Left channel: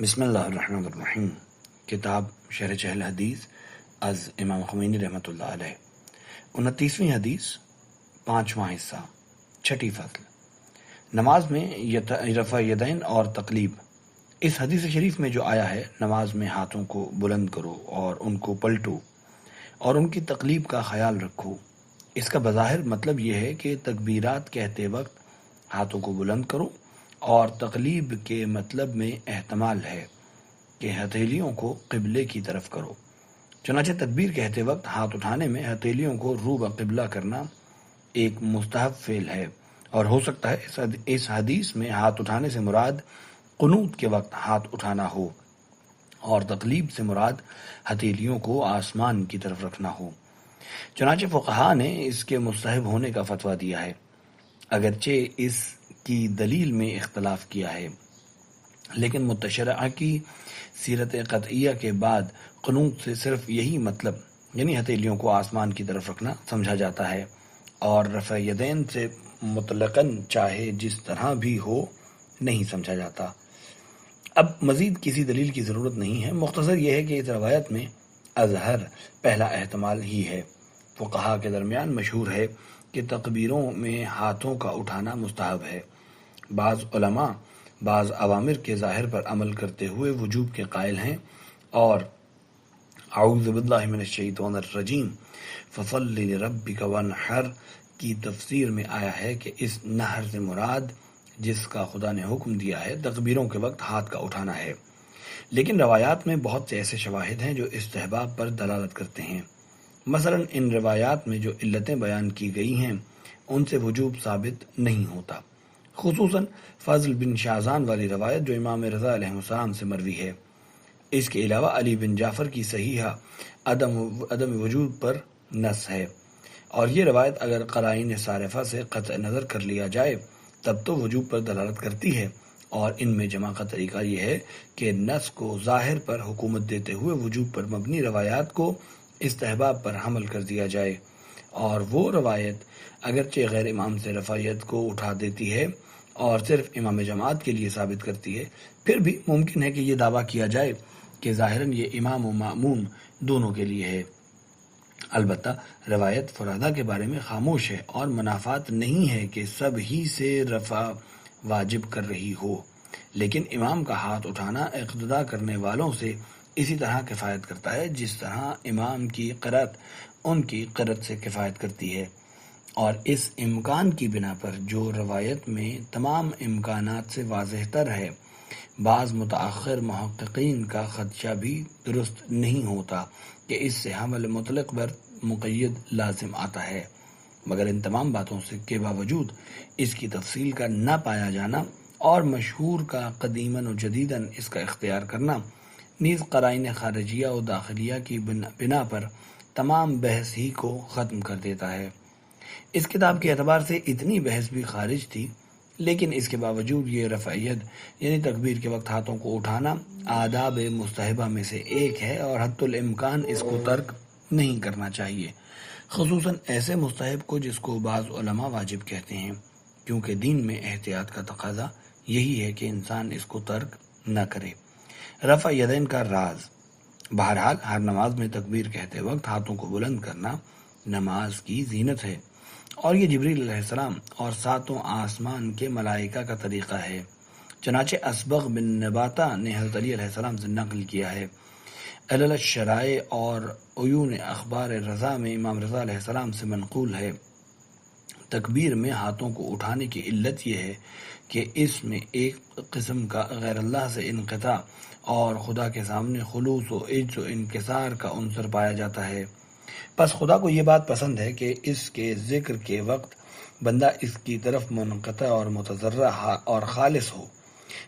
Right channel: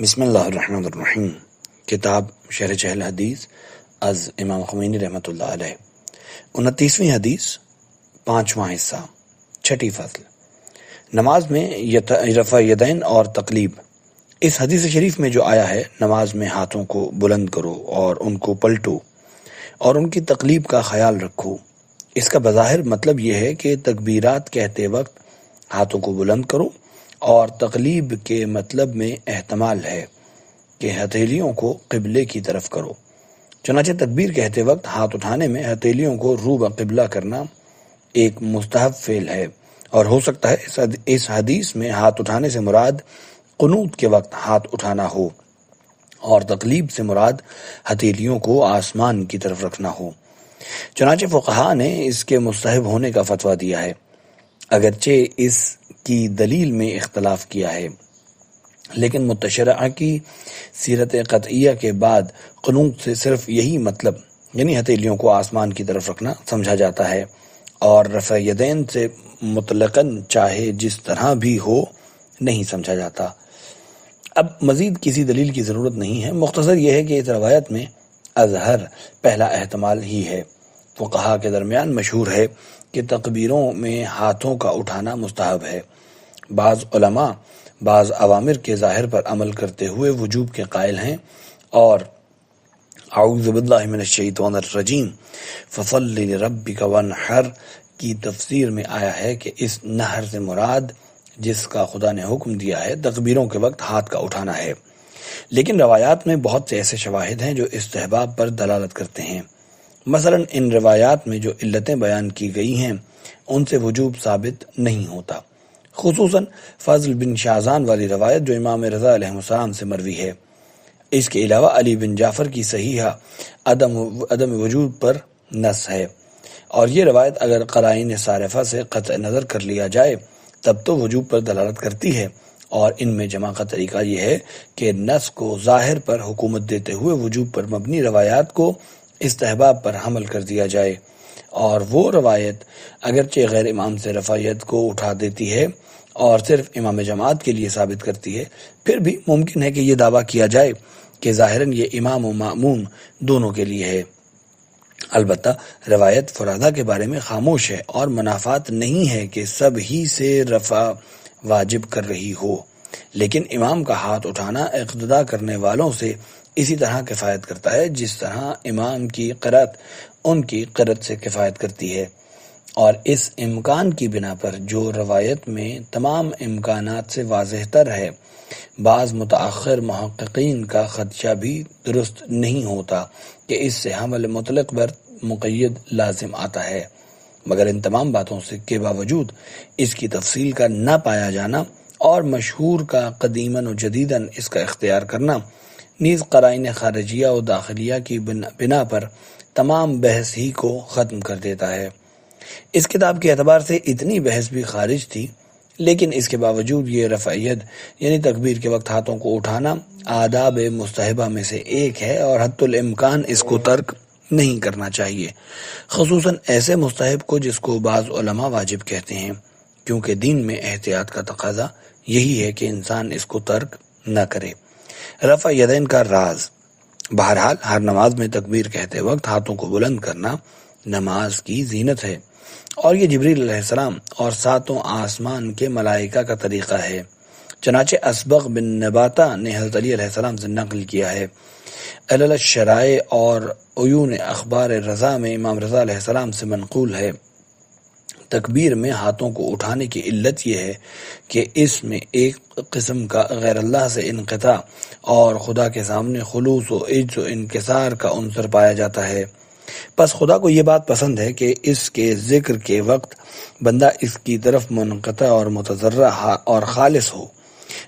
بسم اللہ الرحمن الرحیم۔ کتاب شرح چہل حدیث از امام خمینی رحمۃ اللہ علیہ۔ 29ویں حدیث، 5واں حصہ، 6ٹی فصل، نماز میں رفع یدین اور تقلیب۔ اس حدیث شریف میں جو آیا ہے، نماز میں ہاتھوں کو بلند کرو اور ان کو پلٹو اور ان کی تقلیب کا خیال رکھو، اس کا بظاہر مطلب یہ ہے کہ تکبیرات کہتے وقت ہاتھوں کو بلند کرو، اور تقلیب کے مطلب میں احتمال ہے کہ ہتھیلیوں کو قبلے کی طرف کرو۔ چنانچہ تکبیر کہتے وقت ہاتھ اٹھانے میں ہتھیلیوں کو رو بقبلہ کرنا ایک مستحب فعل ہے، اور ہو سکتا ہے اس حدیث میں ہاتھ اٹھانے سے مراد قنوت کے وقت ہاتھ اٹھانا ہو، اور تقلیب سے مراد ہتھیلیوں کو آسمان کی طرف رکھنا ہو۔ چنانچہ فقہاء نے اس کے مستحب ہونے کا فتویٰ دیا ہے، اگرچہ اس کی دلیل میں اختلاف کیا ہے، لیکن متشرعہ کی سیرت قطعیہ کے بعد قنوت سے صرف یہی مطلب یعنی ہتھیلیوں کو آسمان کی طرف رکھنا سمجھا جاتا ہے، اور رفع یدین سے مطلقاً چاہے جس طرح بھی ہو نہیں سمجھا جاتا۔ اب مزید کسی دلیل کی ضرورت نہیں ہے، مختصر یہ ہے کہ اس روایت میں اظہر پہلا احتمال ہی ہے۔ فقہاء کے درمیان مشہور ہے کہ تکبیروں میں ہاتھوں کا اٹھانا مستحب ہے۔ بعض علماء بعض اوامر کے ظاہر پر عمل کرتے ہوئے وجوب کے قائل ہیں، اور اعوذ باللہ من الشیطان الرجیم فصلی لربک وانحر کی تفسیر میں آیا ہے کہ اس نحر سے مراد جس کا خدا نے حکم دیا ہے تکبیروں کے وقت ہاتھ کا اٹھانا ہے، لیکن روایات میں بہت سے ایسے شواہد ہیں جو استحباب پر دلالت کرتے ہیں۔ مثلا ان روایات میں جو علتیں بیان کی گئی ہیں ان سے وجوب ثابت نہیں ہوتا، خصوصاً فضل بن شازان والی روایت جو امام رضا علیہ السلام سے مروی ہے۔ اس کے علاوہ علی بن جعفر کی صحیحہ عدم وجود پر نص ہے، اور یہ روایت اگر قرائن صارفہ سے قطع نظر کر لیا جائے تب تو وجوب پر دلالت کرتی ہے، اور ان میں جمع کا طریقہ یہ ہے کہ نص کو ظاہر پر حکومت دیتے ہوئے وجوب پر مبنی روایات کو استحباب پر حمل کر دیا جائے، اور وہ روایت اگرچہ غیر امام سے رفع ید کو اٹھا دیتی ہے اور صرف امام جماعت کے لیے ثابت کرتی ہے، پھر بھی ممکن ہے کہ یہ دعویٰ کیا جائے کہ ظاہراً یہ امام و مأموم دونوں کے لیے ہے۔ البتہ روایت فرادہ کے بارے میں خاموش ہے، اور منافات نہیں ہے کہ سب ہی سے رفع واجب کر رہی ہو، لیکن امام کا ہاتھ اٹھانا اقتداء کرنے والوں سے اسی طرح کفایت کرتا ہے جس طرح امام کی قرأت ان کی قرأت سے کفایت کرتی ہے، اور اس امکان کی بنا پر جو روایت میں تمام امکانات سے واضح تر ہے، بعض متأخر محققین کا خدشہ بھی درست نہیں ہوتا کہ اس سے حمل مطلق بر مقید لازم آتا ہے، مگر ان تمام باتوں کے باوجود اس کی تفصیل کا نہ پایا جانا اور مشہور کا قدیماً و جدیداً اس کا اختیار کرنا نیز قرائن خارجیہ و داخلیہ کی بنا پر تمام بحث ہی کو ختم کر دیتا ہے۔ اس کتاب کے اعتبار سے اتنی بحث بھی خارج تھی، لیکن اس کے باوجود یہ رفع ید یعنی تکبیر کے وقت ہاتھوں کو اٹھانا آداب مستحبہ میں سے ایک ہے، اور حتی الامکان اس کو ترک نہیں کرنا چاہیے، خصوصاً ایسے مستحب کو جس کو بعض علماء واجب کہتے ہیں، کیونکہ دین میں احتیاط کا تقاضا یہی ہے کہ انسان اس کو ترک نہ کرے۔ رفع یدین کا راز۔ بہرحال ہر نماز میں تکبیر کہتے وقت ہاتھوں کو بلند کرنا نماز کی زینت ہے، اور یہ جبریل علیہ السلام اور ساتوں آسمان کے ملائکہ کا طریقہ ہے۔ چنانچہ اسبغ بن نباتہ نے حضرت علی علیہ السلام سے نقل کیا ہے۔ علل الشرائع اور عیون اخبار رضا میں امام رضا علیہ السلام سے منقول ہے، تکبیر میں ہاتھوں کو اٹھانے کی علت یہ ہے کہ اس میں ایک قسم کا غیر اللہ سے انقطاع اور خدا کے سامنے خلوص و عجز و انکسار کا عنصر پایا جاتا ہے۔ پس خدا کو یہ بات پسند ہے کہ اس کے ذکر کے وقت بندہ اس کی طرف منقطع اور متضرع اور خالص ہو۔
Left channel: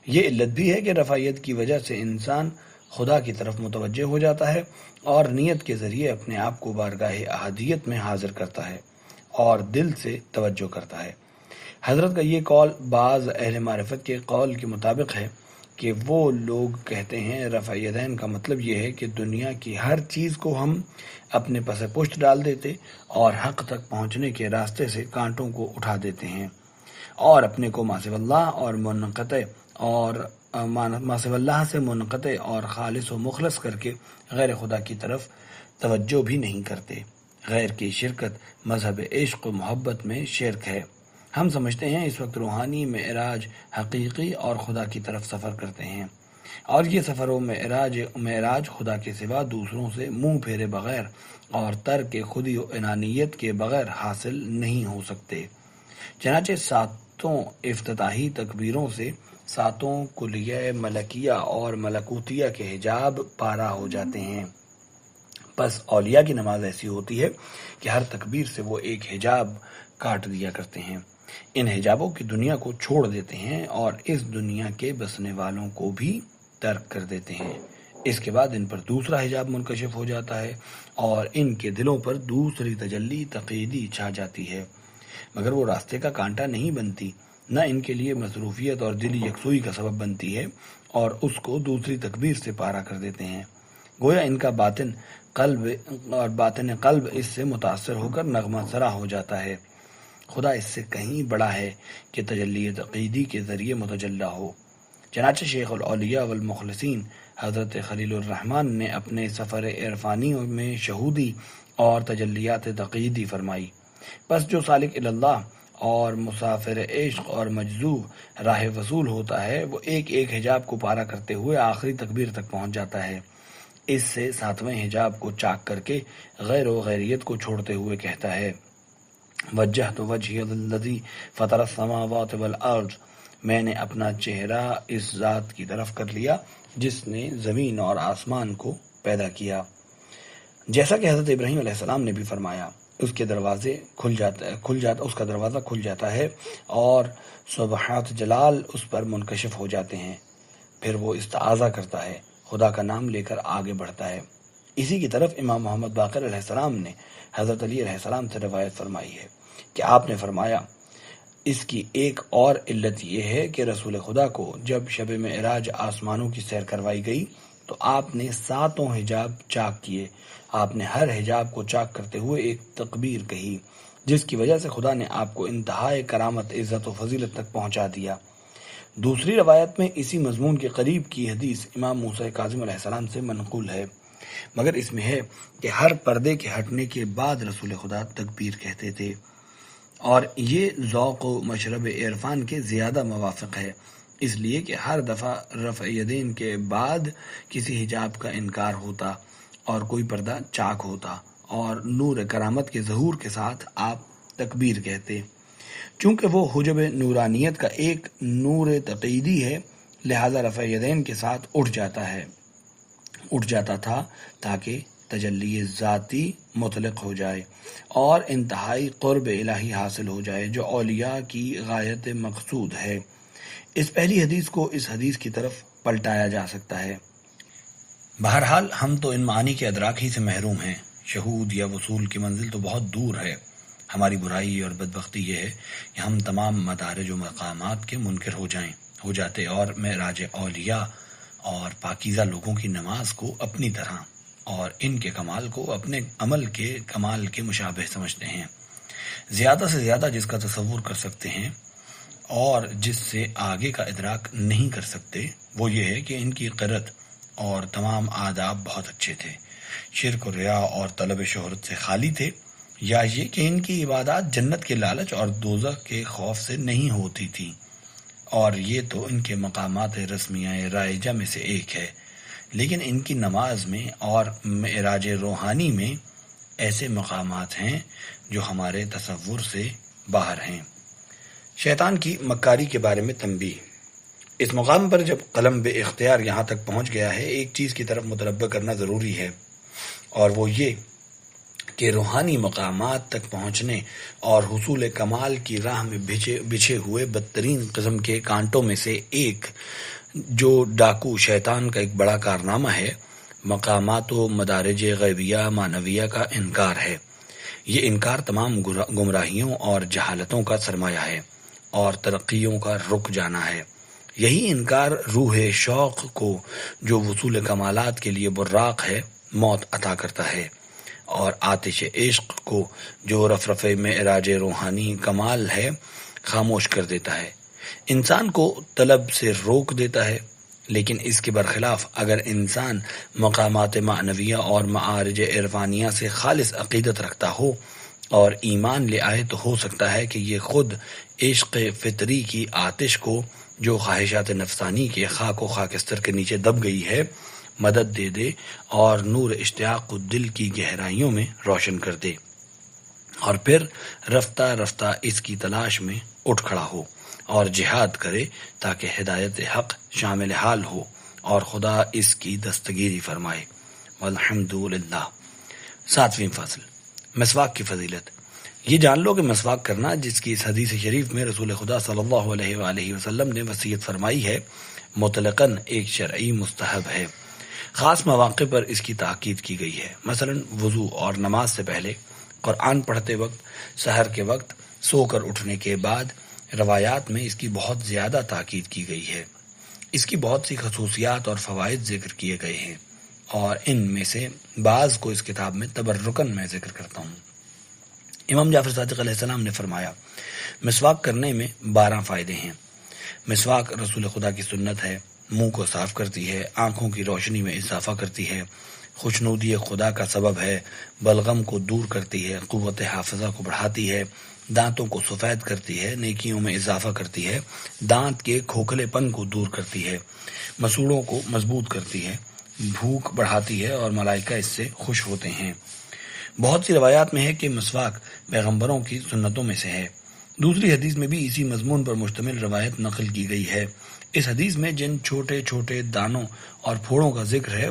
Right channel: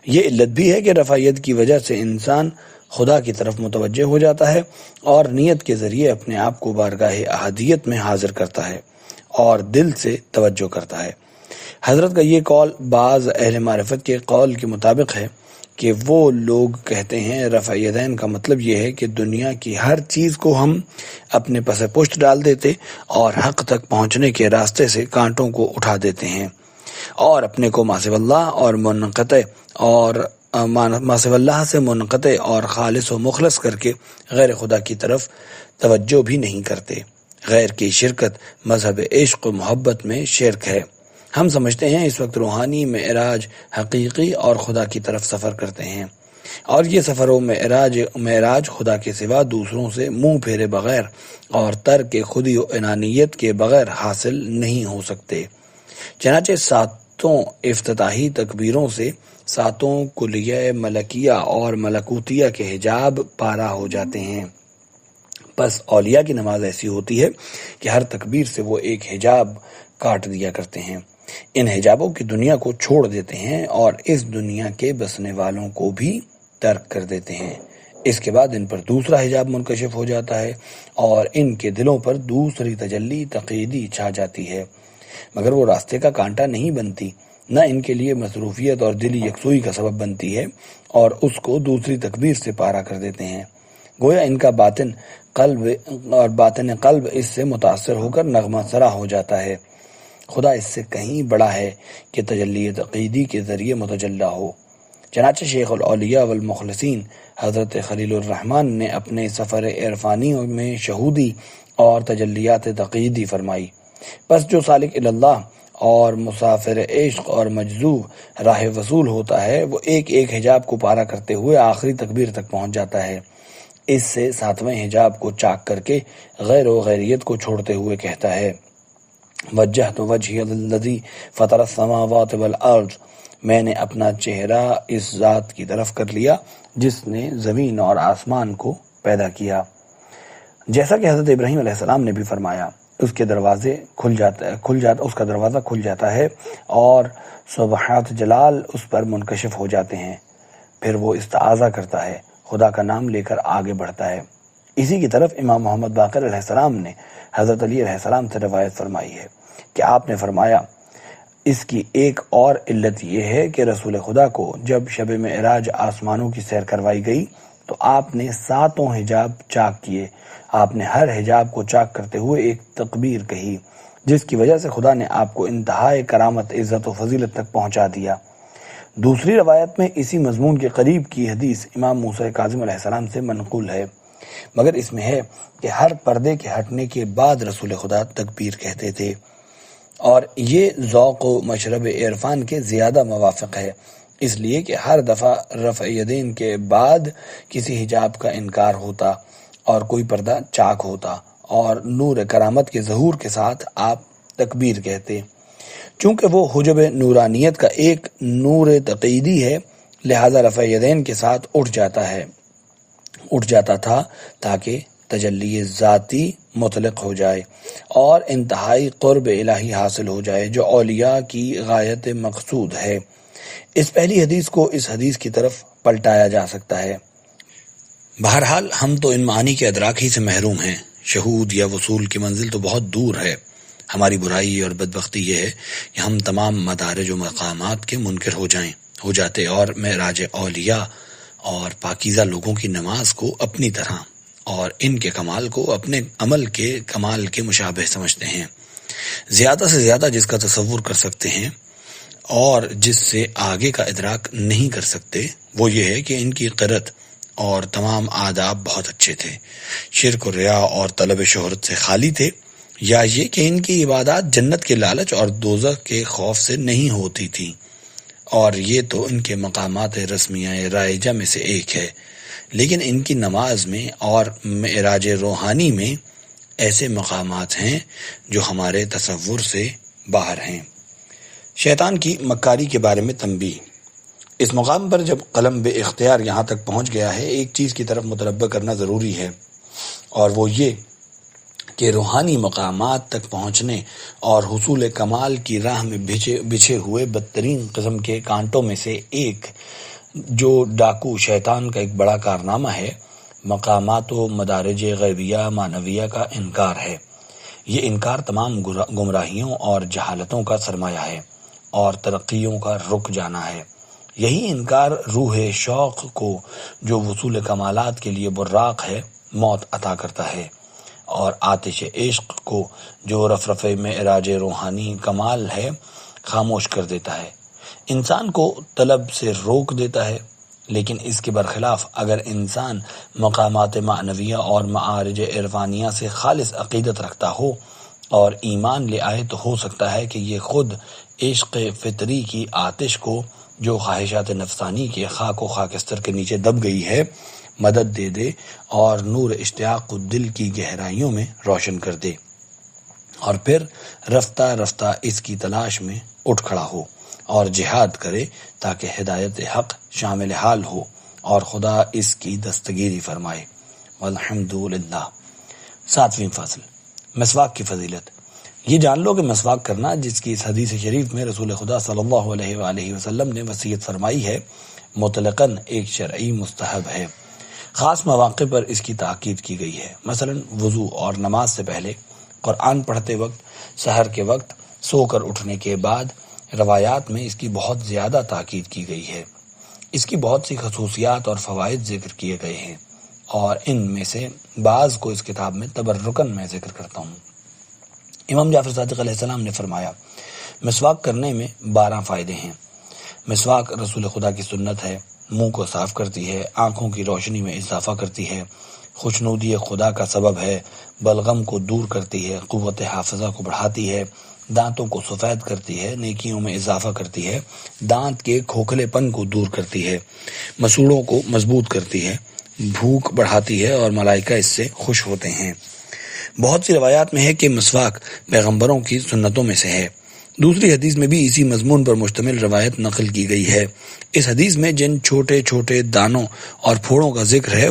یہ علت بھی ہے کہ رفع ید کی وجہ سے انسان خدا کی طرف متوجہ ہو جاتا ہے، اور نیت کے ذریعے اپنے آپ کو بارگاہ احدیت میں حاضر کرتا ہے اور دل سے توجہ کرتا ہے۔ حضرت کا یہ قول بعض اہل معرفت کے قول کے مطابق ہے کہ وہ لوگ کہتے ہیں رفع یدین کا مطلب یہ ہے کہ دنیا کی ہر چیز کو ہم اپنے پس پشت ڈال دیتے اور حق تک پہنچنے کے راستے سے کانٹوں کو اٹھا دیتے ہیں، اور اپنے کو ماسو اللہ اور منقطع اور ماسو اللہ سے منقطع اور خالص و مخلص کر کے غیر خدا کی طرف توجہ بھی نہیں کرتے۔ غیر کی شرکت مذہب عشق و محبت میں شرک ہے۔ ہم سمجھتے ہیں اس وقت روحانی معراج حقیقی اور خدا کی طرف سفر کرتے ہیں، اور یہ سفر و معراج خدا کے سوا دوسروں سے منہ پھیرے بغیر اور ترک خودی و انانیت کے بغیر حاصل نہیں ہو سکتے۔ چنانچہ ساتوں افتتاحی تکبیروں سے ساتوں کلیہ ملکیہ اور ملکوتیہ کے حجاب پارا ہو جاتے ہیں۔ بس اولیاء کی نماز ایسی ہوتی ہے کہ ہر تکبیر سے وہ ایک حجاب کاٹ دیا کرتے ہیں، ان حجابوں کی دنیا کو چھوڑ دیتے ہیں اور اس دنیا کے بسنے والوں کو بھی ترک کر دیتے ہیں۔ اس کے بعد ان پر دوسرا حجاب منکشف ہو جاتا ہے اور ان کے دلوں پر دوسری تجلی تقییدی چھا جاتی ہے، مگر وہ راستے کا کانٹا نہیں بنتی، نہ ان کے لیے مصروفیت اور دلی یکسوئی کا سبب بنتی ہے، اور اس کو دوسری تکبیر سے پارا کر دیتے ہیں۔ گویا ان کا باطن قلب اس سے متاثر ہو کر نغمہ سرا ہو جاتا ہے۔ خدا اس سے کہیں بڑا ہے کہ تجلی تقییدی کے ذریعے متجلی ہو۔ چنانچہ شیخ الاولیاء والمخلصین حضرت خلیل الرحمن نے اپنے سفر عرفانی میں شہودی اور تجلیات تقییدی فرمائی۔ پس جو سالک اللہ اور مسافر عشق اور مجذوب راہ وصول ہوتا ہے، وہ ایک ایک حجاب کو پارا کرتے ہوئے آخری تکبیر تک پہنچ جاتا ہے۔ اس سے ساتویں حجاب کو چاک کر کے غیر و غیریت کو چھوڑتے ہوئے کہتا ہے: وجہت وجہی للذی فطر السماوات والارض، میں نے اپنا چہرہ اس ذات کی طرف کر لیا جس نے زمین اور آسمان کو پیدا کیا۔ جیسا کہ حضرت ابراہیم علیہ السلام نے بھی فرمایا، اس کا دروازہ کھل جاتا ہے اور سبحات جلال اس پر منکشف ہو جاتے ہیں، پھر وہ استعاذہ کرتا ہے، خدا کا نام لے کر آگے بڑھتا ہے۔ اسی کی طرف امام محمد باقر علیہ السلام نے حضرت علی علیہ السلام سے روایت فرمائی ہے کہ آپ نے فرمایا، اس کی ایک اور علت یہ ہے کہ رسول خدا کو جب شب معراج آسمانوں کی سیر کروائی گئی تو آپ نے ساتوں حجاب چاک کیے۔ آپ نے ہر حجاب کو چاک کرتے ہوئے ایک تکبیر کہی، جس کی وجہ سے خدا نے آپ کو انتہائی کرامت، عزت و فضیلت تک پہنچا دیا۔ دوسری روایت میں اسی مضمون کے قریب کی حدیث امام موسیٰ کاظم علیہ السلام سے منقول ہے، مگر اس میں ہے کہ ہر پردے کے ہٹنے کے بعد رسول خدا تکبیر کہتے تھے، اور یہ ذوق و مشرب عرفان کے زیادہ موافق ہے، اس لیے کہ ہر دفعہ رفع یدین کے بعد کسی حجاب کا انکار ہوتا اور کوئی پردہ چاک ہوتا، اور نور کرامت کے ظہور کے ساتھ آپ تکبیر کہتے۔ چونکہ وہ حجب نورانیت کا ایک نور تقییدی ہے، لہذا رفع یدین کے ساتھ اٹھ جاتا تھا تاکہ تجلی ذاتی مطلق ہو جائے اور انتہائی قرب الہی حاصل ہو جائے، جو اولیاء کی غایت مقصود ہے۔ اس پہلی حدیث کو اس حدیث کی طرف پلٹایا جا سکتا ہے۔ بہرحال ہم تو ان معانی کے ادراک ہی سے محروم ہیں، شہود یا وصول کی منزل تو بہت دور ہے۔ ہماری برائی اور بدبختی یہ ہے کہ ہم تمام مدارج و مقامات کے منکر ہو جاتے اور معراج اولیاء اور پاکیزہ لوگوں کی نماز کو اپنی طرح اور ان کے کمال کو اپنے عمل کے کمال کے مشابہ سمجھتے ہیں۔ زیادہ سے زیادہ جس کا تصور کر سکتے ہیں اور جس سے آگے کا ادراک نہیں کر سکتے وہ یہ ہے کہ ان کی قرت اور تمام آداب بہت اچھے تھے، شرک و ریا اور طلب شہرت سے خالی تھے، یا یہ کہ ان کی عبادات جنت کے لالچ اور دوزخ کے خوف سے نہیں ہوتی تھی، اور یہ تو ان کے مقامات رسمیہ رائجہ میں سے ایک ہے۔ لیکن ان کی نماز میں اور معراج روحانی میں ایسے مقامات ہیں جو ہمارے تصور سے باہر ہیں۔ شیطان کی مکاری کے بارے میں تنبیہ۔ اس مقام پر جب قلم بے اختیار یہاں تک پہنچ گیا ہے، ایک چیز کی طرف متنبہ کرنا ضروری ہے، اور وہ یہ کہ روحانی مقامات تک پہنچنے اور حصول کمال کی راہ میں بچھے ہوئے بدترین قسم کے کانٹوں میں سے ایک جو ڈاکو شیطان کا ایک بڑا کارنامہ ہے، مقامات و مدارج غیبیہ معنویہ کا انکار ہے۔ یہ انکار تمام گمراہیوں اور جہالتوں کا سرمایہ ہے اور ترقیوں کا رک جانا ہے۔ یہی انکار روح شوق کو جو وصول کمالات کے لیے براق ہے موت عطا کرتا ہے، اور آتش عشق کو جو رفرف معراج روحانی کمال ہے خاموش کر دیتا ہے، انسان کو طلب سے روک دیتا ہے لیکن اس کے برخلاف اگر انسان مقامات معنویہ اور معارج عرفانیہ سے خالص عقیدت رکھتا ہو اور ایمان لے آئے تو ہو سکتا ہے کہ یہ خود عشق فطری کی آتش کو جو خواہشات نفسانی کے خاک و خاکستر کے نیچے دب گئی ہے مدد دے دے اور نور اشتیاق کو دل کی گہرائیوں میں روشن کر دے، اور پھر رفتہ رفتہ اس کی تلاش میں اٹھ کھڑا ہو اور جہاد کرے تاکہ ہدایت حق شامل حال ہو اور خدا اس کی دستگیری فرمائے۔ والحمدللہ۔ 7ویں فصل، مسواک کی فضیلت۔ یہ جان لو کہ مسواک کرنا، جس کی اس حدیث شریف میں رسول خدا صلی اللہ علیہ وآلہ وسلم نے وصیت فرمائی ہے، مطلقاً ایک شرعی مستحب ہے۔ خاص مواقع پر اس کی تاکید کی گئی ہے، مثلا وضو اور نماز سے پہلے، قرآن پڑھتے وقت، سحر کے وقت، سو کر اٹھنے کے بعد۔ روایات میں اس کی بہت زیادہ تاکید کی گئی ہے۔ اس کی بہت سی خصوصیات اور فوائد ذکر کیے گئے ہیں، اور ان میں سے بعض کو اس کتاب میں تبرکاً میں ذکر کرتا ہوں۔ امام جعفر صادق علیہ السلام نے فرمایا، مسواک کرنے میں 12 فائدے ہیں۔ مسواک رسول خدا کی سنت ہے، منہ کو صاف کرتی ہے، آنکھوں کی روشنی میں اضافہ کرتی ہے، خوشنودی خدا کا سبب ہے، بلغم کو دور کرتی ہے، قوت حافظہ کو بڑھاتی ہے، دانتوں کو سفید کرتی ہے، نیکیوں میں اضافہ کرتی ہے، دانت کے کھوکھلے پن کو دور کرتی ہے، مسوڑوں کو مضبوط کرتی ہے، بھوک بڑھاتی ہے اور ملائکہ اس سے خوش ہوتے ہیں۔ بہت سی روایات میں ہے کہ مسواک پیغمبروں کی سنتوں میں سے ہے۔ دوسری حدیث میں بھی اسی مضمون پر مشتمل روایت نقل کی گئی ہے۔ اس حدیث میں جن چھوٹے چھوٹے دانوں اور پھوڑوں کا ذکر ہے،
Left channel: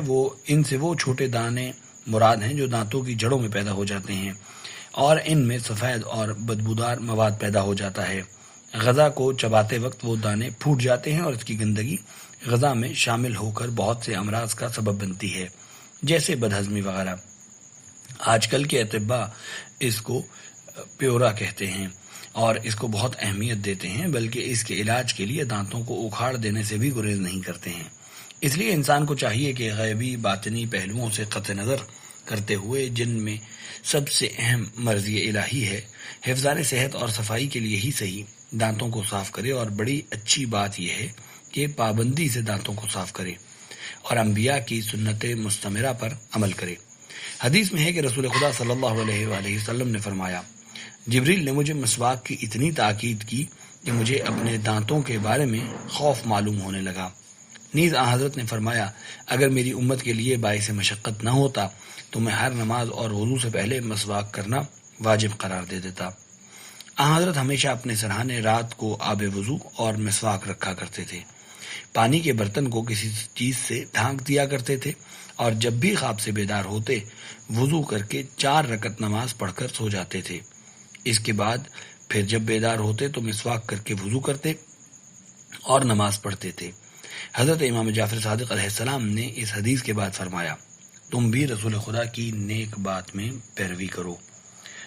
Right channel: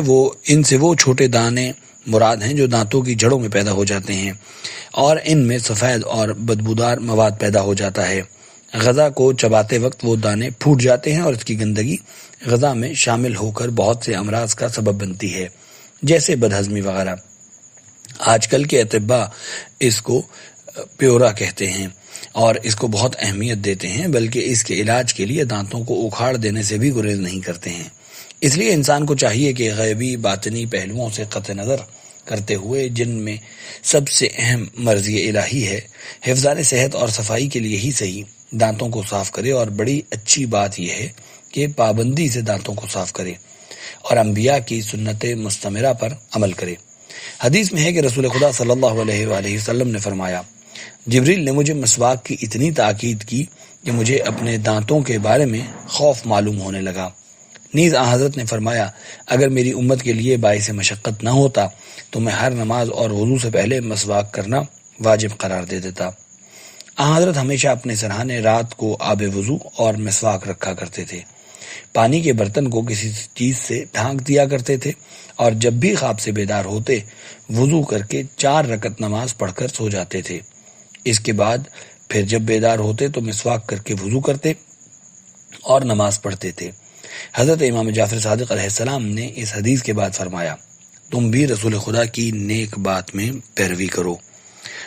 ان سے وہ چھوٹے دانے مراد ہیں جو دانتوں کی جڑوں میں پیدا ہو جاتے ہیں، اور ان میں سفید اور بدبودار مواد پیدا ہو جاتا ہے۔ غذا کو چباتے وقت وہ دانے پھوٹ جاتے ہیں اور اس کی گندگی غذا میں شامل ہو کر بہت سے امراض کا سبب بنتی ہے، جیسے بدہضمی وغیرہ۔ آج کل کے اطباء اس کو پیورا کہتے ہیں اور اس کو بہت اہمیت دیتے ہیں، بلکہ اس کے علاج کے لیے دانتوں کو اکھاڑ دینے سے بھی گریز نہیں کرتے ہیں۔ اس لیے انسان کو چاہیے کہ غیبی باطنی پہلوؤں سے قطع نظر کرتے ہوئے، جن میں سب سے اہم مرضی الہی ہے، حفظان صحت اور صفائی کے لیے ہی صحیح، دانتوں کو صاف کرے، اور بڑی اچھی بات یہ ہے کہ پابندی سے دانتوں کو صاف کرے اور انبیاء کی سنت مستمرہ پر عمل کرے۔ حدیث میں ہے کہ رسول خدا صلی اللہ علیہ وآلہ وسلم نے فرمایا، جبریل نے مجھے مسواک کی اتنی تاکید کی کہ مجھے اپنے دانتوں کے بارے میں خوف معلوم ہونے لگا۔ نیز حضرت نے فرمایا، اگر میری امت کے لیے باعث مشقت نہ ہوتا تو میں ہر نماز اور وضو سے پہلے مسواک کرنا واجب قرار دے دیتا۔ حضرت ہمیشہ اپنے سرہانے رات کو آب وضو اور مسواک رکھا کرتے تھے، پانی کے برتن کو کسی چیز سے ڈھانک دیا کرتے تھے، اور جب بھی خواب سے بیدار ہوتے وضو کر کے 4 رکعت نماز پڑھ کر سو جاتے تھے۔ اس کے بعد پھر جب بیدار ہوتے تو مسواک کر کے وضو کرتے اور نماز پڑھتے تھے۔ حضرت امام جعفر صادق علیہ السلام نے اس حدیث کے بعد فرمایا، تم بھی رسول خدا کی نیک بات میں پیروی کرو۔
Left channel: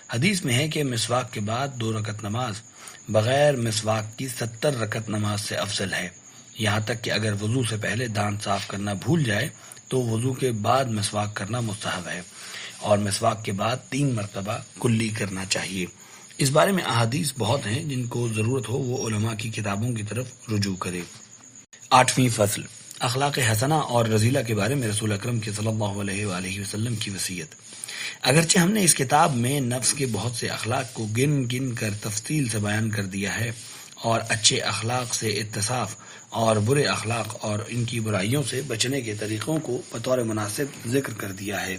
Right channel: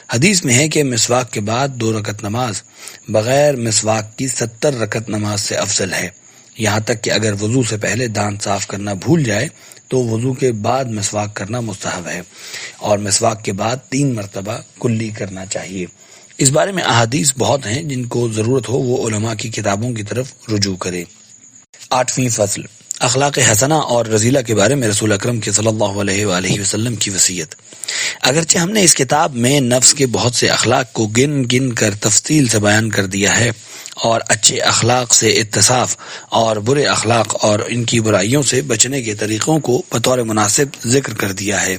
حدیث میں ہے کہ مسواک کے بعد 2 رکعت نماز بغیر مسواک کی 70 رکعت نماز سے افضل ہے، یہاں تک کہ اگر وضو سے پہلے دانت صاف کرنا بھول جائے تو وضو کے بعد مسواک کرنا مستحب ہے، اور مسواک کے بعد 3 مرتبہ کلی کرنا چاہیے۔ اس بارے میں احادیث بہت ہیں، جن کو ضرورت ہو وہ علماء کی کتابوں کی طرف رجوع کرے۔ 8ویں فصل، اخلاق حسنہ اور رذیلہ کے بارے میں رسول اکرم کے صلی اللہ علیہ وآلہ وسلم کی وصیت۔ اگرچہ ہم نے اس کتاب میں نفس کے بہت سے اخلاق کو گن گن کر تفصیل سے بیان کر دیا ہے، اور اچھے اخلاق سے اتصاف اور برے اخلاق اور ان کی برائیوں سے بچنے کے طریقوں کو بطور مناسب ذکر کر دیا ہے،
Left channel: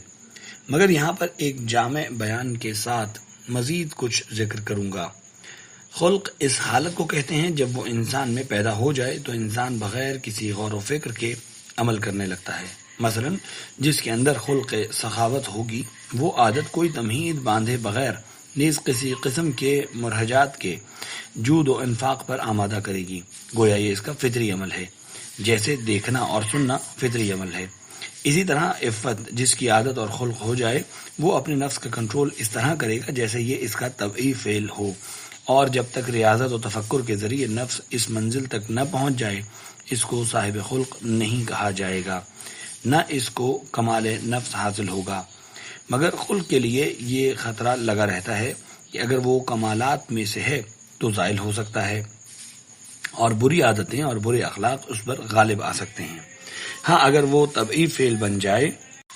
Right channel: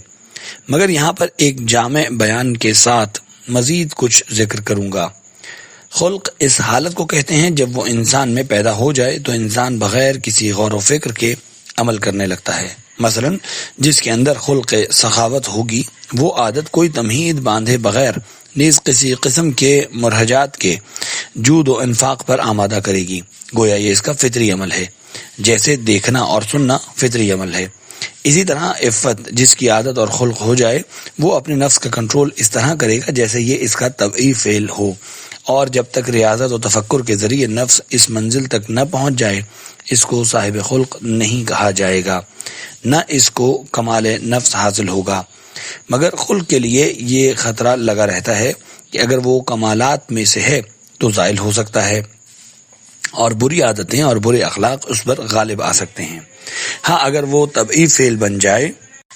مگر یہاں پر ایک جامع بیان کے ساتھ مزید کچھ ذکر کروں گا۔ خلق اس حالت کو کہتے ہیں جب وہ انسان میں پیدا ہو جائے تو انسان بغیر کسی غور و فکر کے عمل کرنے لگتا ہے۔ مثلا جس کے اندر خلق سخاوت ہوگی، وہ عادت کوئی تمہید باندھے بغیر نیز کسی قسم کے مرہجات کے جود و انفاق پر آمادہ کرے گی، گویا یہ اس کا فطری عمل ہے، جیسے دیکھنا اور سننا فطری عمل ہے۔ اسی طرح عفت جس کی عادت اور خلق ہو جائے، وہ اپنے نفس کا کنٹرول اس طرح کرے گا جیسے یہ اس کا طبعی فعل ہو، اور جب تک ریاضت و تفکر کے ذریعے نفس اس منزل تک نہ پہنچ جائے، اس کو صاحب خلق نہیں کہا جائے گا، نہ اس کو کمال نفس حاصل ہوگا۔ مگر خلق کے لیے یہ خطرہ لگا رہتا ہے کہ اگر وہ کمالات میں سے ہے تو زائل ہو سکتا ہے، اور بری عادتیں اور برے اخلاق اس پر غالب آ سکتے ہیں۔ ہاں اگر وہ طبعی فعل بن جائے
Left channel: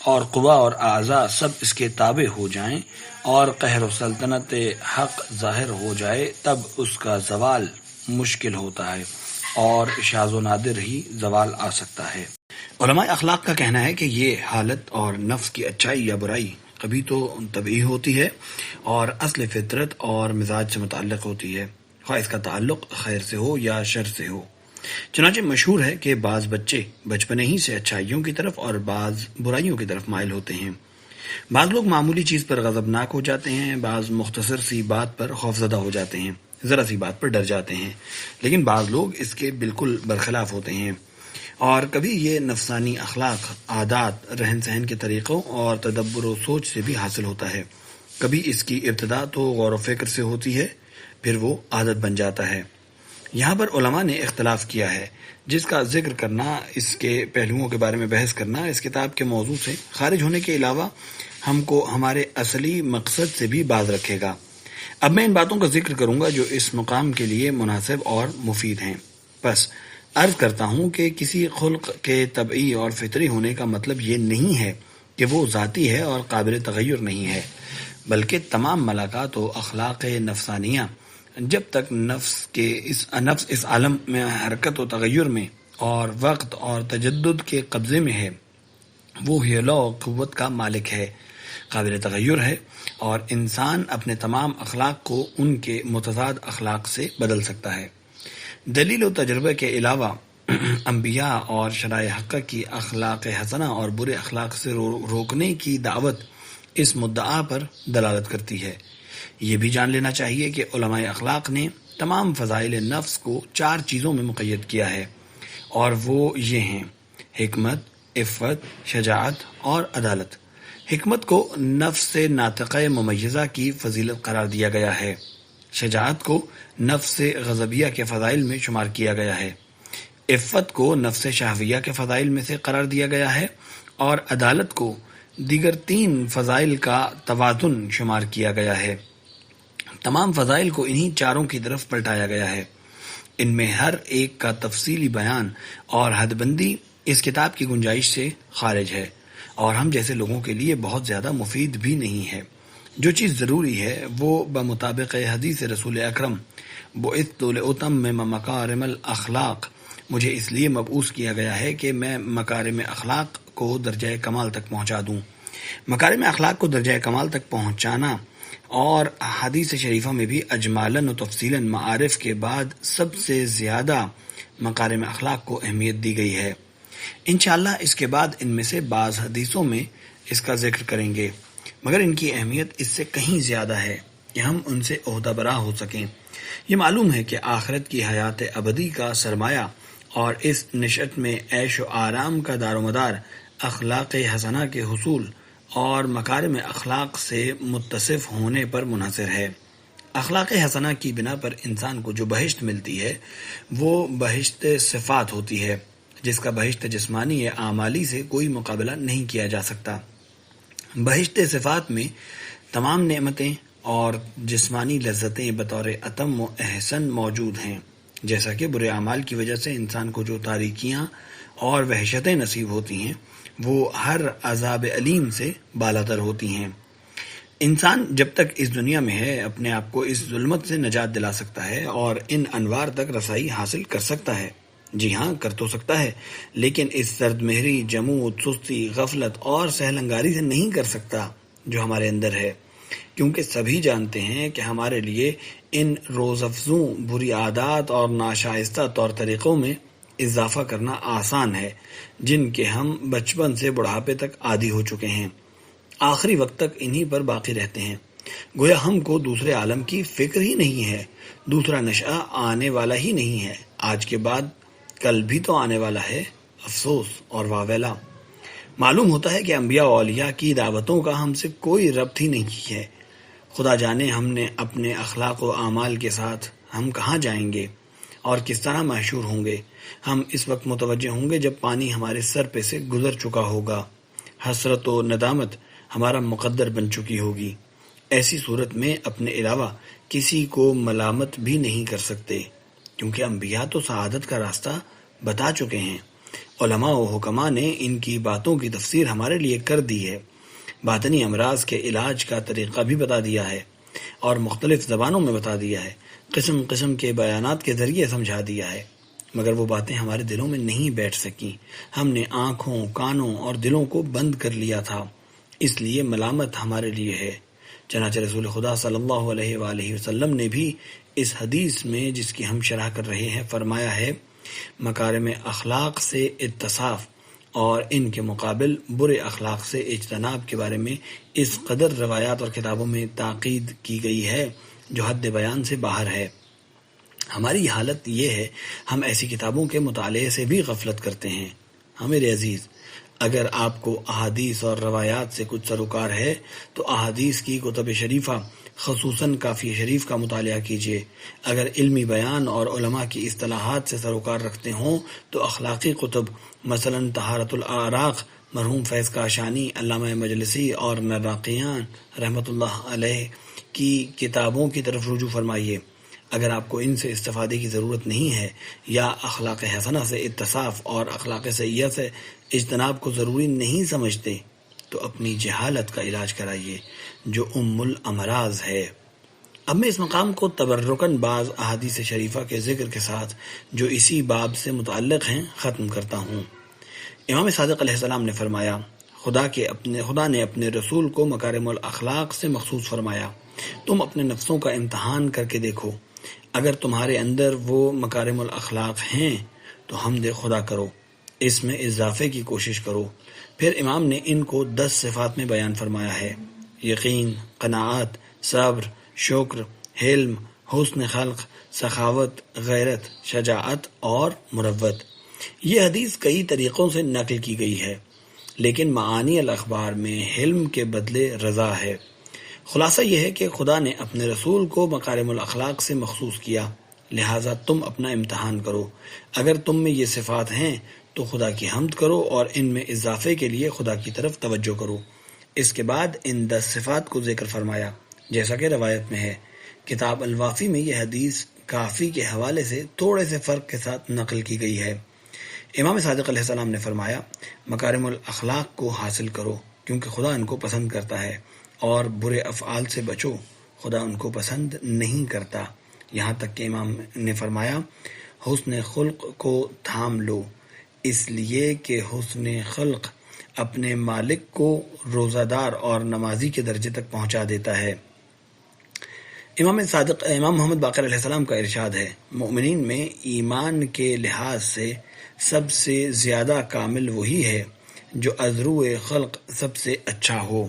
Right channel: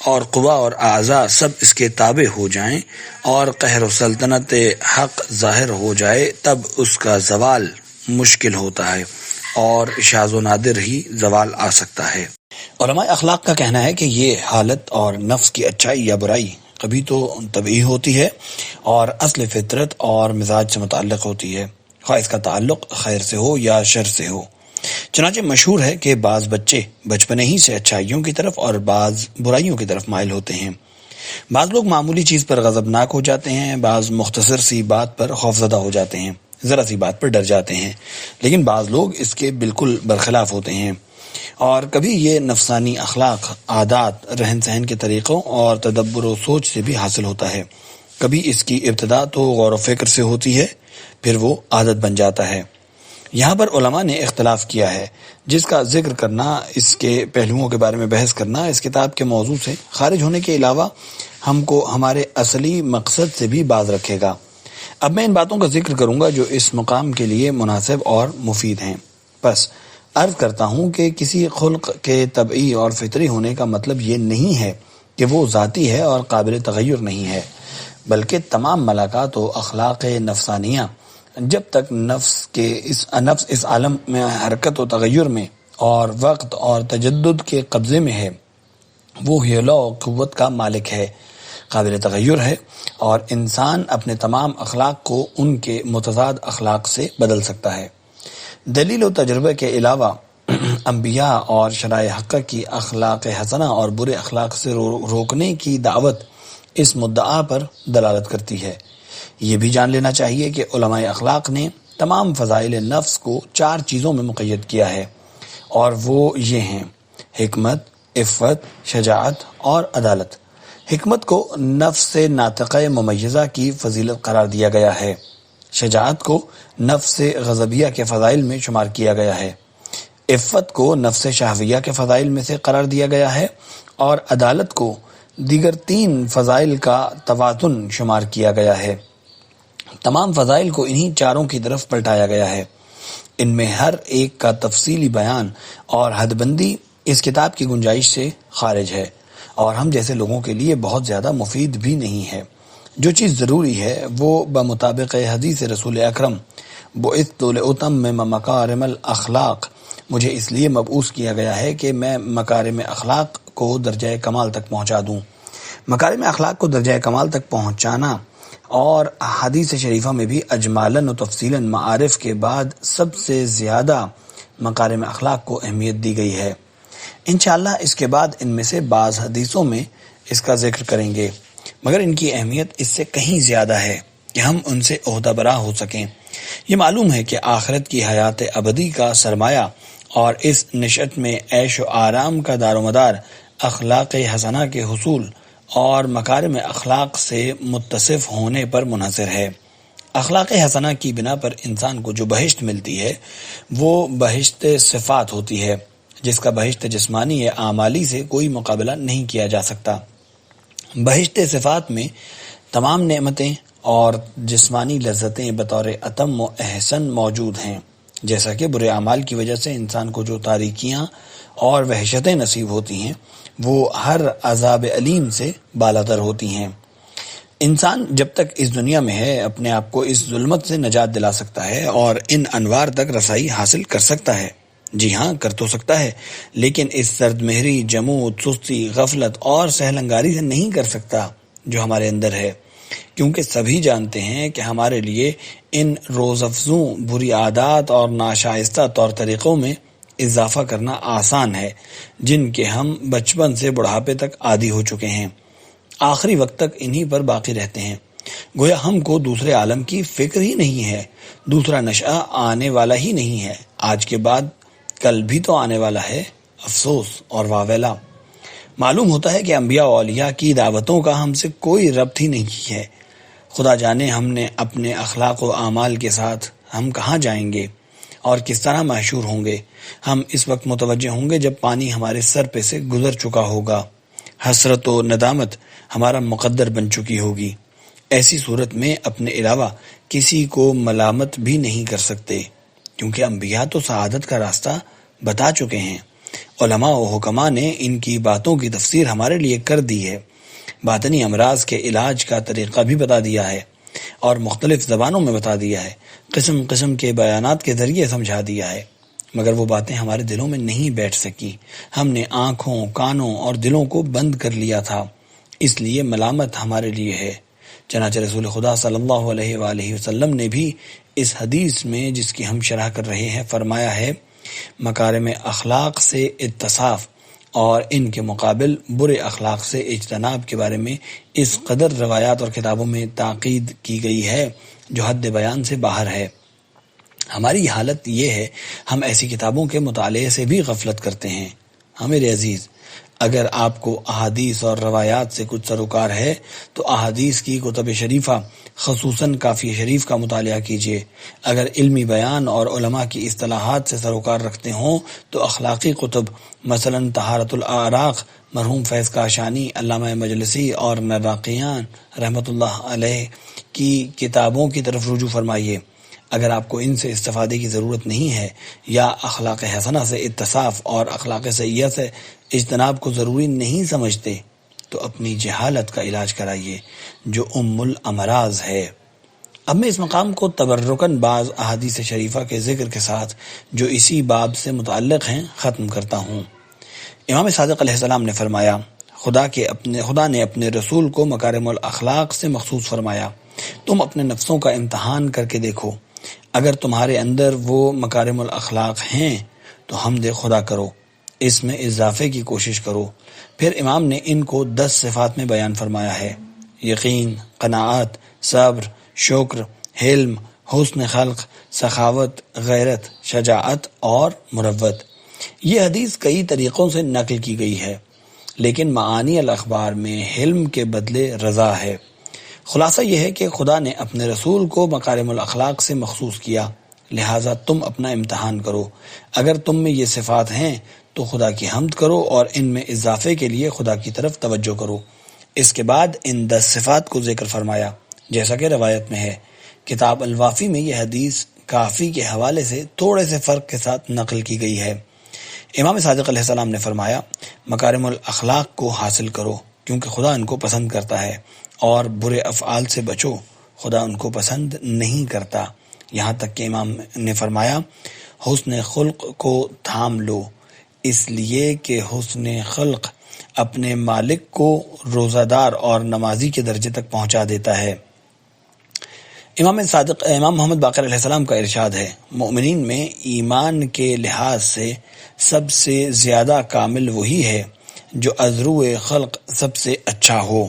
اور قوا اور اعضاء سب اس کے تابع ہو جائیں اور قہر و سلطنت حق ظاہر ہو جائے تب اس کا زوال مشکل ہوتا ہے اور شاذ و نادر ہی زوال آ سکتا ہے۔ علماء اخلاق کا کہنا ہے کہ یہ حالت اور نفس کی اچھائی یا برائی کبھی تو طبعی ہوتی ہے اور اصل فطرت اور مزاج سے متعلق ہوتی ہے، خواہ اس کا تعلق خیر سے ہو یا شر سے ہو۔ چنانچہ مشہور ہے کہ بعض بچے بچپنے ہی سے اچھائیوں کی طرف اور بعض برائیوں کی طرف مائل ہوتے ہیں۔ بعض لوگ معمولی چیز پر غضبناک ہو جاتے ہیں، بعض مختصر سی بات پر خوفزدہ ہو جاتے ہیں، ذرا سی بات پر ڈر جاتے ہیں، لیکن بعض لوگ اس کے بالکل برخلاف ہوتے ہیں۔ اور کبھی یہ نفسانی اخلاق، عادات، رہن سہن کے طریقوں اور تدبر و سوچ سے بھی حاصل ہوتا ہے۔ کبھی اس کی ابتدا تو غور و فکر سے ہوتی ہے، پھر وہ عادت بن جاتا ہے۔ یہاں پر علماء نے اختلاف کیا ہے، جس کا ذکر کرنا، اس کے پہلوؤں کے بارے میں بحث کرنا اس کتاب کے موضوع سے خارج ہونے کے علاوہ ہم کو ہمارے اصلی مقصد سے بھی باز رکھے گا۔ اب میں ان باتوں کا ذکر کروں گا جو اس مقام کے لیے مناسب اور مفید ہیں۔ پس عرض کرتا ہوں کہ کسی خلق کے طبعی اور فطری ہونے کا مطلب یہ نہیں ہے کہ وہ ذاتی ہے اور قابل تغیر نہیں ہے، بلکہ تمام ملاقات و اخلاق نفسانیہ جب تک نفس اس عالم میں حرکت و تغیر میں اور وقت اور تجدد کے قبضے میں ہے، وہ حیلہ و قوت کا مالک ہے، قابل تغیر ہے، اور انسان اپنے تمام اخلاق کو ان کے متضاد اخلاق سے بدل سکتا ہے۔ دلیل و تجربے کے علاوہ انبیاء اور شرائع حقہ کی اخلاق حسنہ اور برے اخلاق سے روکنے کی دعوت اس مدعا پر دلالت کرتی ہے۔ یہ بھی جان لینا چاہیے کہ علماء اخلاق نے تمام فضائل نفس کو 4 چیزوں میں مقید کیا ہے، اور وہ یہ ہیں: حکمت، عفت، شجاعت اور عدالت۔ حکمت کو نفس ناطقہ ممیزہ کی فضیلت قرار دیا گیا ہے، شجاعت کو نفس غضبیہ کے فضائل میں شمار کیا گیا ہے، عفت کو نفس شہویہ کے فضائل میں سے قرار دیا گیا ہے، اور عدالت کو دیگر 3 فضائل کا توازن شمار کیا گیا ہے۔ تمام فضائل کو انہی 4 کی طرف پلٹایا گیا ہے۔ ان میں ہر ایک کا تفصیلی بیان اور حد بندی اس کتاب کی گنجائش سے خارج ہے اور ہم جیسے لوگوں کے لیے بہت زیادہ مفید بھی نہیں ہے۔ جو چیز ضروری ہے وہ بمطابق حدیث رسول اکرم بعثت لأتمم مکارم الاخلاق، مجھے اس لیے مبعوث کیا گیا ہے کہ میں مکارم اخلاق کو درجہ کمال تک پہنچا دوں۔ مکارم اخلاق کو درجہ کمال تک پہنچانا اور حدیث شریفہ میں بھی اجمالاً و تفصیلاً معارف کے بعد سب سے زیادہ مکارم اخلاق کو اہمیت دی گئی ہے۔ انشاءاللہ اس کے بعد ان میں سے بعض حدیثوں میں اس کا ذکر کریں گے، مگر ان کی اہمیت اس سے کہیں زیادہ ہے کہ ہم ان سے عہدہ برا ہو سکیں۔ یہ معلوم ہے کہ آخرت کی حیات ابدی کا سرمایہ اور اس نشأت میں عیش و آرام کا دار و مدار اخلاق حسنہ کے حصول اور مکارم اخلاق سے متصف ہونے پر منحصر ہے۔ اخلاق حسنہ کی بنا پر انسان کو جو بہشت ملتی ہے وہ بہشت صفات ہوتی ہے، جس کا بہشت جسمانی یا اعمالی سے کوئی مقابلہ نہیں کیا جا سکتا۔ بہشت صفات میں تمام نعمتیں اور جسمانی لذتیں بطور اتم و احسن موجود ہیں، جیسا کہ برے اعمال کی وجہ سے انسان کو جو تاریکیاں اور وحشتیں نصیب ہوتی ہیں وہ ہر عذاب علیم سے بالاتر ہوتی ہیں۔ انسان جب تک اس دنیا میں ہے اپنے آپ کو اس ظلمت سے نجات دلا سکتا ہے اور ان انوار تک رسائی حاصل کر سکتا ہے۔ جی ہاں، کر تو سکتا ہے، لیکن اس سرد مہری، جمود، سستی، غفلت اور سہلنگاری سے نہیں کر سکتا جو ہمارے اندر ہے، کیونکہ سبھی جانتے ہیں کہ ہمارے لیے ان روز افزوں بری عادات اور ناشائستہ طور طریقوں میں اضافہ کرنا آسان ہے جن کے ہم بچپن سے بڑھاپے تک عادی ہو چکے ہیں، آخری وقت تک انہی پر باقی رہتے ہیں۔ گویا ہم کو دوسرے عالم کی فکر ہی نہیں ہے، دوسرا نشأہ آنے والا ہی نہیں ہے، آج کے بعد کل بھی تو آنے والا ہے، افسوس اور واویلا۔ معلوم ہوتا ہے کہ انبیاء و اولیاء کی دعوتوں کا ہم سے کوئی ربط ہی نہیں ہے۔ خدا جانے ہم نے اپنے اخلاق و اعمال کے ساتھ ہم کہاں جائیں گے اور کس طرح محشور ہوں گے۔ ہم اس وقت متوجہ ہوں گے جب پانی ہمارے سر پہ سے گزر چکا ہوگا، حسرت و ندامت ہمارا مقدر بن چکی ہوگی۔ ایسی صورت میں اپنے علاوہ کسی کو ملامت بھی نہیں کر سکتے، کیونکہ انبیاء تو سعادت کا راستہ بتا چکے ہیں۔ علماء و حکماء نے ان کی باتوں کی تفسیر ہمارے لیے کر دی ہے، باطنی امراض کے علاج کا طریقہ بھی بتا دیا ہے اور مختلف زبانوں میں بتا دیا ہے، قسم قسم کے بیانات کے ذریعے سمجھا دیا ہے، مگر وہ باتیں ہمارے دلوں میں نہیں بیٹھ سکیں۔ ہم نے آنکھوں، کانوں اور دلوں کو بند کر لیا تھا، اس لیے ملامت ہمارے لیے ہے۔ چنانچہ رسول خدا صلی اللہ علیہ وآلہ وسلم نے بھی اس حدیث میں جس کی ہم شرح کر رہے ہیں فرمایا ہے، مکارم اخلاق سے اتصاف اور ان کے مقابل برے اخلاق سے اجتناب کے بارے میں اس قدر روایات اور کتابوں میں تاکید کی گئی ہے جو حد بیان سے باہر ہے۔ ہماری حالت یہ ہے، ہم ایسی کتابوں کے مطالعے سے بھی غفلت کرتے ہیں۔ میرے عزیز، اگر آپ کو احادیث اور روایات سے کچھ سروکار ہے تو احادیث کی کتب شریفہ خصوصاً کافی شریف کا مطالعہ کیجیے۔ اگر علمی بیان اور علماء کی اصطلاحات سے سروکار رکھتے ہوں تو اخلاقی کتب مثلاً طہارت الاعراق مرحوم فیض کاشانی، علامہ مجلسی اور مراقیان رحمۃ اللہ علیہ کی کتابوں کی طرف رجوع فرمائیے۔ اگر آپ کو ان سے استفادے کی ضرورت نہیں ہے یا اخلاق حسنہ سے اتصاف اور اخلاق سیئہ سے اجتناب کو ضروری نہیں سمجھتے تو اپنی جہالت کا علاج کرائیے جو ام الامراض ہے۔ اب میں اس مقام کو تبرکاً بعض احادیث شریفہ کے ذکر کے ساتھ جو اسی باب سے متعلق ہیں ختم کرتا ہوں۔ امام صادق علیہ السلام نے فرمایا، خدا نے اپنے رسول کو مکارم الاخلاق سے مخصوص فرمایا۔ تم اپنے نفسوں کا امتحان کر کے دیکھو، اگر تمہارے اندر وہ مکارم الاخلاق ہیں تو حمد خدا کرو، اس میں اضافے کی کوشش کرو۔ پھر امام نے ان کو 10 صفات میں بیان فرمایا ہے: یقین، قناعت، صبر، شکر، حلم، حسن خلق، سخاوت، غیرت، شجاعت اور مروت۔ یہ حدیث کئی طریقوں سے نقل کی گئی ہے، لیکن معانی الاخبار میں حلم کے بدلے رضا ہے۔ خلاصہ یہ ہے کہ خدا نے اپنے رسول کو مکارم الاخلاق سے مخصوص کیا، لہٰذا تم اپنا امتحان کرو۔ اگر تم میں یہ صفات ہیں تو خدا کی حمد کرو اور ان میں اضافے کے لیے خدا کی طرف توجہ کرو۔ اس کے بعد ان 10 صفات کو ذکر فرمایا، جیسا کہ روایت میں ہے۔ کتاب الوافی میں یہ حدیث کافی کے حوالے سے تھوڑے سے فرق کے ساتھ نقل کی گئی ہے۔ امام صادق علیہ السلام نے فرمایا، مکارم الاخلاق کو حاصل کرو کیونکہ خدا ان کو پسند کرتا ہے، اور برے افعال سے بچو، خدا ان کو پسند نہیں کرتا۔ یہاں تک کہ امام نے فرمایا، حسن خلق کو تھام لو، اس لیے کہ حسن خلق اپنے مالک کو روزہ دار اور نمازی کے درجے تک پہنچا دیتا ہے۔ امام محمد باقر علیہ السلام کا ارشاد ہے، مومنین میں ایمان کے لحاظ سے سب سے زیادہ کامل وہی ہے جو از روئے خلق سب سے اچھا ہو۔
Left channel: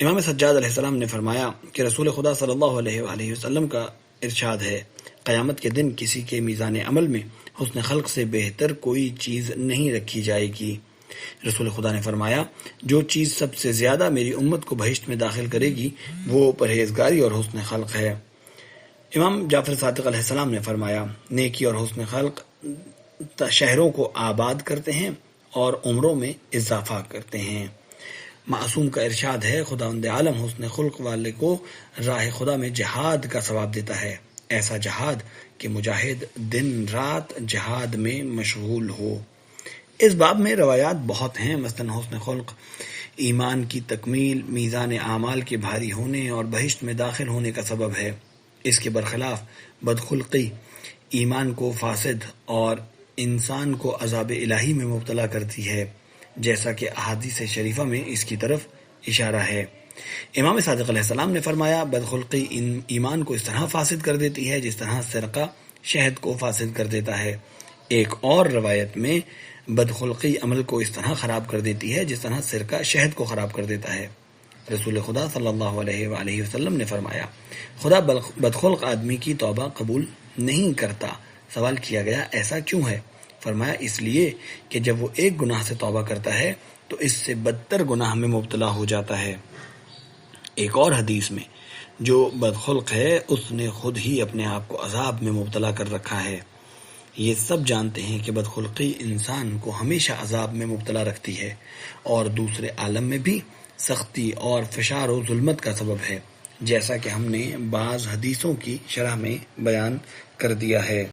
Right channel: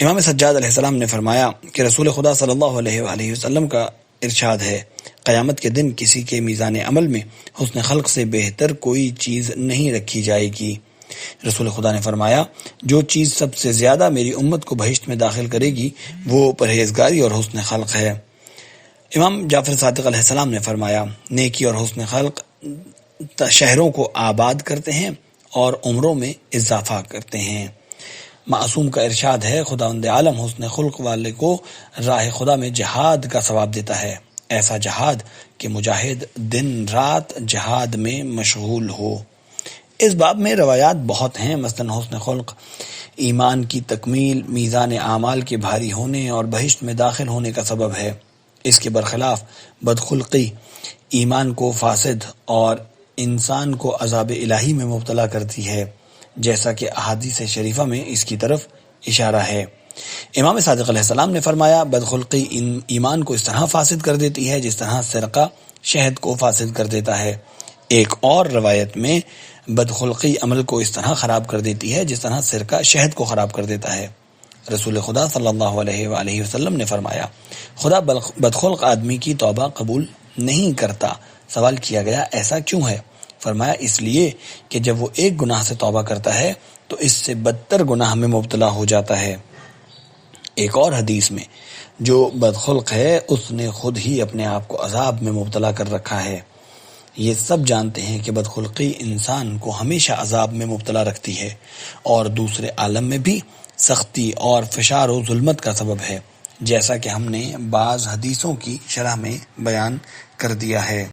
امام سجاد علیہ السلام نے فرمایا کہ رسول خدا صلی اللہ علیہ وآلہ وسلم کا ارشاد ہے، قیامت کے دن کسی کے میزان عمل میں حسن خلق سے بہتر کوئی چیز نہیں رکھی جائے گی۔ رسول خدا نے فرمایا، جو چیز سب سے زیادہ میری امت کو بہشت میں داخل کرے گی وہ پرہیزگاری اور حسن خلق ہے۔ امام جعفر صادق علیہ السلام نے فرمایا، نیکی اور حسن خلق شہروں کو آباد کرتے ہیں اور عمروں میں اضافہ کرتے ہیں۔ معصوم کا ارشاد ہے، خداوند عالم حسن خلق والے کو راہ خدا میں جہاد کا ثواب دیتا ہے، ایسا جہاد کہ مجاہد دن رات جہاد میں مشغول ہو۔ اس باب میں روایات بہت ہیں، مثلا حسن خلق ایمان کی تکمیل، میزان اعمال کے بھاری ہونے اور بہشت میں داخل ہونے کا سبب ہے۔ اس کے برخلاف بدخلقی ایمان کو فاسد اور انسان کو عذاب الہی میں مبتلا کرتی ہے، جیسا کہ احادیث شریفہ میں اس کی طرف اشارہ ہے۔ امام صادق علیہ السلام نے فرمایا، بدخلقی ایمان کو اس طرح فاسد کر دیتی ہے جس طرح سرقہ شہد کو فاسد کر دیتا ہے۔ ایک اور روایت میں بدخلقی عمل کو اس طرح خراب کر دیتی ہے جس طرح سرقہ شہد کو خراب کر دیتا ہے۔ رسول خدا صلی اللہ علیہ وآلہ وسلم نے فرمایا، خدا بدخلق آدمی کی توبہ قبول نہیں کرتا۔ سوال کیا گیا، ایسا کیوں ہے؟ فرمایا، اس لیے کہ جب وہ ایک گناہ سے توبہ کرتا ہے تو اس سے بدتر گناہ میں مبتلا ہو جاتا ہے۔ ایک اور حدیث میں، جو بدخلق ہے اس نے خود ہی اپنے آپ کو عذاب میں مبتلا کر رکھا ہے۔ یہ سب جانتے ہیں کہ بدخلقی انسان کو ہمیشہ عذاب میں مبتلا رکھتی ہے اور دوسرے عالم میں بھی سختی اور فشار و ظلمت کا سبب ہے، جیسا کہ ہم نے بعض حدیثوں کی شرح میں بیان کر دیا ہے۔